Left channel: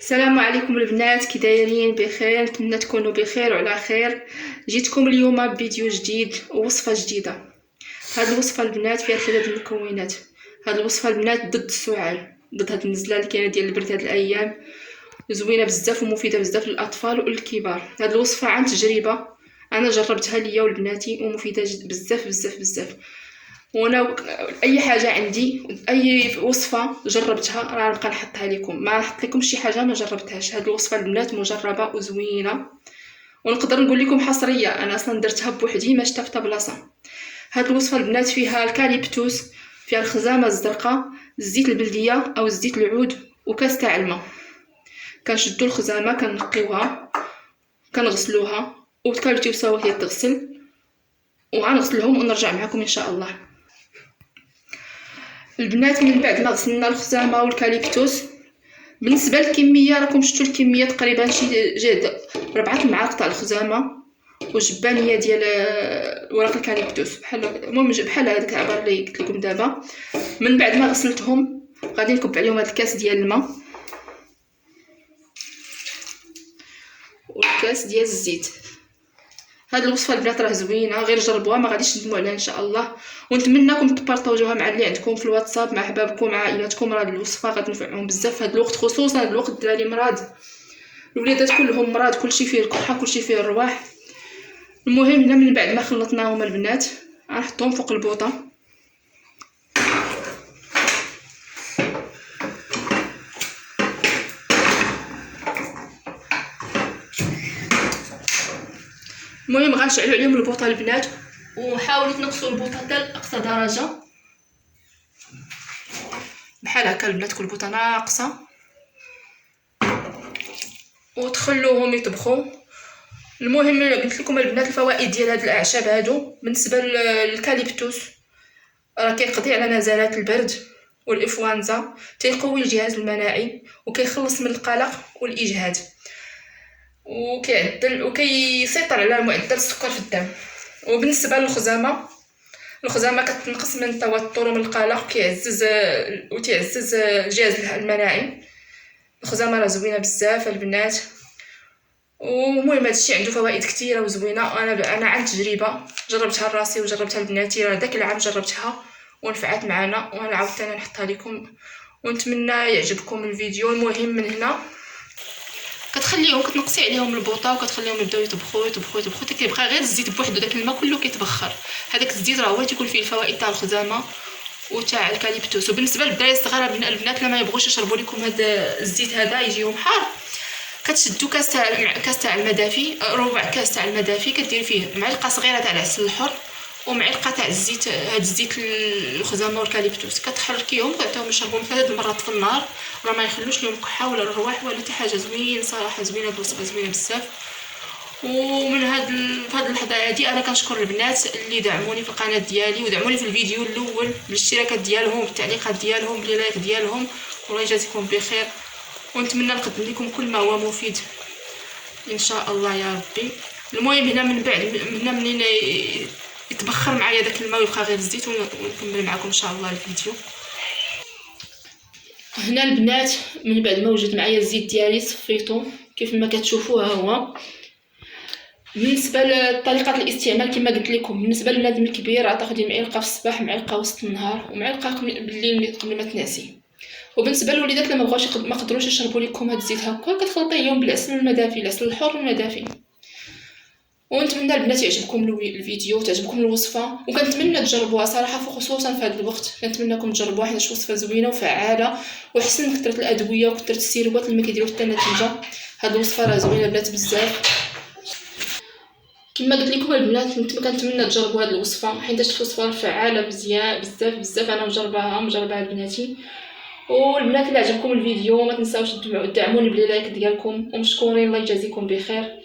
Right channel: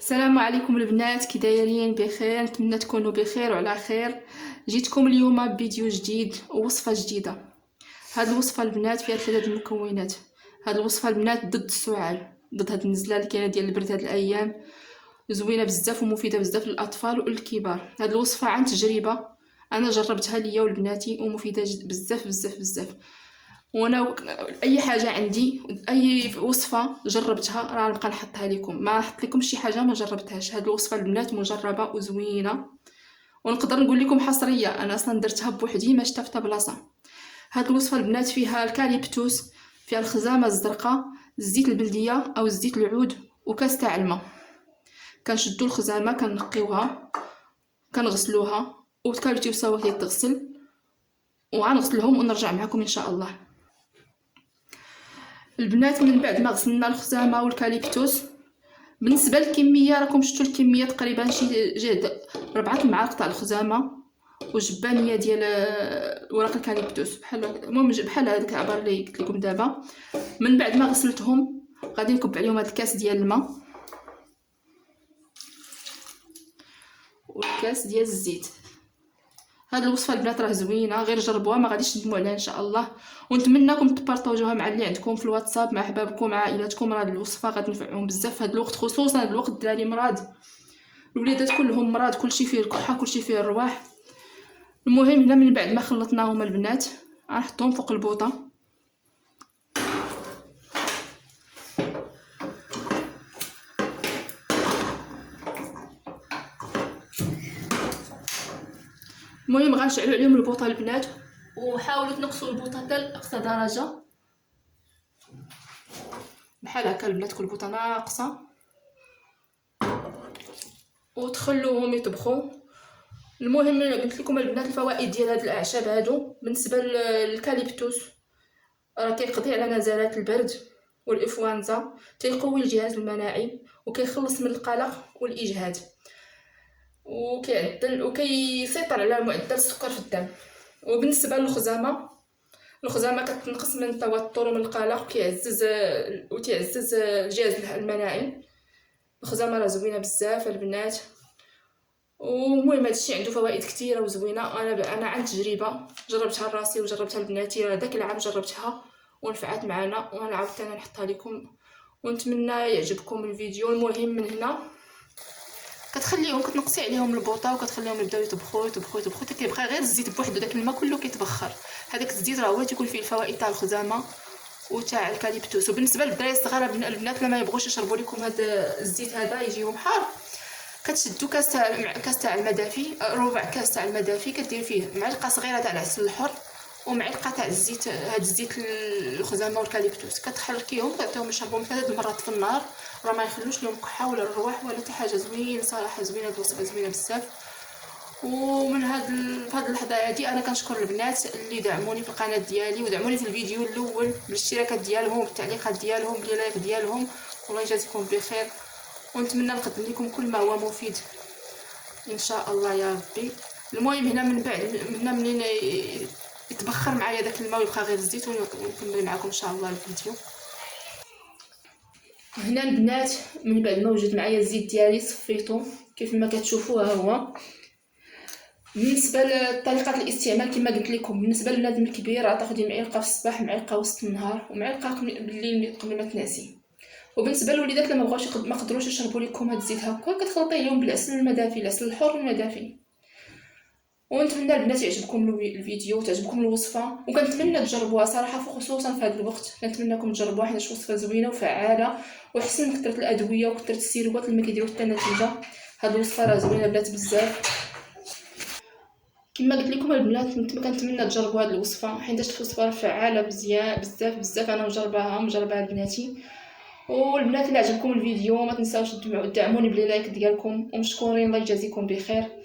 السلام عليكم البنات، كي دايرين؟ بخير؟ نتمنى تكونوا بخير وعلى خير. جيتكم اليوم بفيديو جديد ووصفه جديده. هاد الوصفه البنات فيها 3 المكونات. هاد الوصفه البنات ضد السعال، ضد هاد النزله اللي كاينه ديال البرد هاد الايام. زوينه بزاف ومفيده بزاف للاطفال والكبار. هاد الوصفه عن تجربه، انا جربتها ليا ولبناتي ومفيده بزاف بزاف بزاف. وانا اي حاجه عندي، اي وصفه جربتها راه نبقى نحطها لكم، ما نحط لكم شي حاجه ما جربتهاش. هاد الوصفه البنات مجربه وزوينه، ونقدر نقول لكم حصريه، انا اصلا درتها بوحدي ما شفت حتى بلاصه. هاد الوصفه البنات فيها الكاليبتوس، فيها الخزامه الزرقاء، الزيت البلديه او الزيت العود، وكاس تاع الماء. كنشدو الخزامه كنقيوها كنغسلوها، والكاليبتوس هي تغسل، وغنغسلهم ونرجع معكم ان شاء الله. البنات من بعد ما غسلنا الخزامه والكاليبتوس، بالنسبه للكميه راكم شفتوا الكميه تقريبا شي جهد 4 المعالق تاع الخزامه وجبانيه ديال ورق الكاليبتوس، بحال هذاك العبار اللي قلت لكم دابا. من بعد ما غسلتهم غادي نكب عليهم هذا الكاس ديال الماء والكاس ديال الزيت. هاد الوصفه البنات راه زوينه، غير جربوها ما غاديش تندموا عليها ان شاء الله. ونتمنىكم تبارطاجوها مع اللي عندكم في الواتساب، مع احبابكم، مع عائلاتكم. راه الوصفه غتنفعهم بزاف في هاد الوقت، خصوصا هاد الوقت الدراري مراد، الوليدات كلهم مراد، كلشي فيه الكحه، كلشي فيه الرواح. المهم هنا من بعد ما خلطناهم البنات غنحطهم فوق البوطه. المهم غنشعلوا عليهم البوطه البنات، وحاولوا تنقصوا البوطه حتى لاقصى درجه، بحال هكا البنات كل بوطه ناقصه، وتخلوهم يطبخوا. المهم قلت لكم البنات الفوائد ديال هاد الاعشاب هادو. بالنسبه للكاليبتوس راه كيقضي على نزلات البرد والانفلونزا، تيقوي الجهاز المناعي، وكيخلص من القلق والاجهاد، وكيعدل وكيسيطر على معدل السكر في الدم. وبالنسبه للخزامه، الخزامه كتنقص من التوتر ومن القلق، وتعزز الجهاز المناعي. الخزامه راه زوينه بزاف البنات. ومهم هادشي عنده فوائد كثيره وزوينه. انا عن تجربه جربتها لراسي وجربتها لبناتي، راه داك العام جربتها ونفعت معنا، وانا عاوتاني نحطها لكم ونتمنى يعجبكم الفيديو. المهم من هنا كتخليهم كتنقصي عليهم البوطه وكتخليهم يبداو يطبخوا يطبخوا يطبخوا حتى كيبقى غير الزيت بوحدو، داك الماء كله كيتبخر. هذاك الزيت راه هو تيكون فيه الفوائد تاع الخزامه وتاع الكاليبتوس. وبالنسبه للدراري الصغار البنات اللي ما يبغوش يشربوا لكم هذا الزيت هذا يجيهم حار، كتشدوا كاس تاع الماء دافي، ربع كاس تاع الماء دافي، كدير فيه معلقه صغيره تاع العسل الحر ومعلقه تاع الزيت، هذا الزيت الخزامه والكاليبتوس، كتحركيهم كتعطيهم يشربوهم 3 مرات في النهار، راه ما يخلوش لهم كحه ولا الرواح ولا حتى حاجه. زوين صراحه، زوينه الوصفه، زوينه بزاف. ومن هاد اللحظه هادي انا كنشكر البنات اللي دعموني في القناه ديالي ودعموني في الفيديو الاول بالاشتراكات ديالهم بالتعليقات ديالهم باللايك ديالهم، والله يجازيكم بخير. ونتمنى نقدم لكم كل ما هو مفيد ان شاء الله يا ربي. المهم هنا من بعد هنا منين يتبخر معايا داك الماء ويبقى غير الزيت، ونكمل معكم ان شاء الله الفيديو. هنا البنات من بعد ما وجد معايا الزيت ديالي صفيته كيف ما كتشوفوا ها هو. بالنسبه لطريقه الاستعمال كما قلت لكم، بالنسبه للنادم الكبير غتاخدي معلقه في الصباح، معلقه وسط النهار، ومعلقه بالليل قبل ما تنعسي. وبالنسبه للوليدات اللي ما قدروش يشربوا لكم هاد الزيت هكا، كتخلطيهم بالعسل المدافي، العسل الحر المدافي. ونتمنى البنات يعجبكم الفيديو وتعجبكم الوصفه، وكنتمنى تجربوها صراحه خصوصا في هذا الوقت. كنتمنىكم تجربوها حيت وصفه زوينه وفعاله، وحسن من كثره الادويه وكثره السيروات اللي ما كيديروا حتى نتيجه. هاد الوصفه راه زوينه البنات بزاف. كما قلت لكم البنات كنتمنى تجربوا هذه الوصفه حيت الوصفه فعاله مزيان بزاف بزاف. انا مجرباها لبناتي. والبنات اللي عجبكم الفيديو ما تنساوش تدعموني باللايك ديالكم، ومشكورين، الله يجازيكم بخير.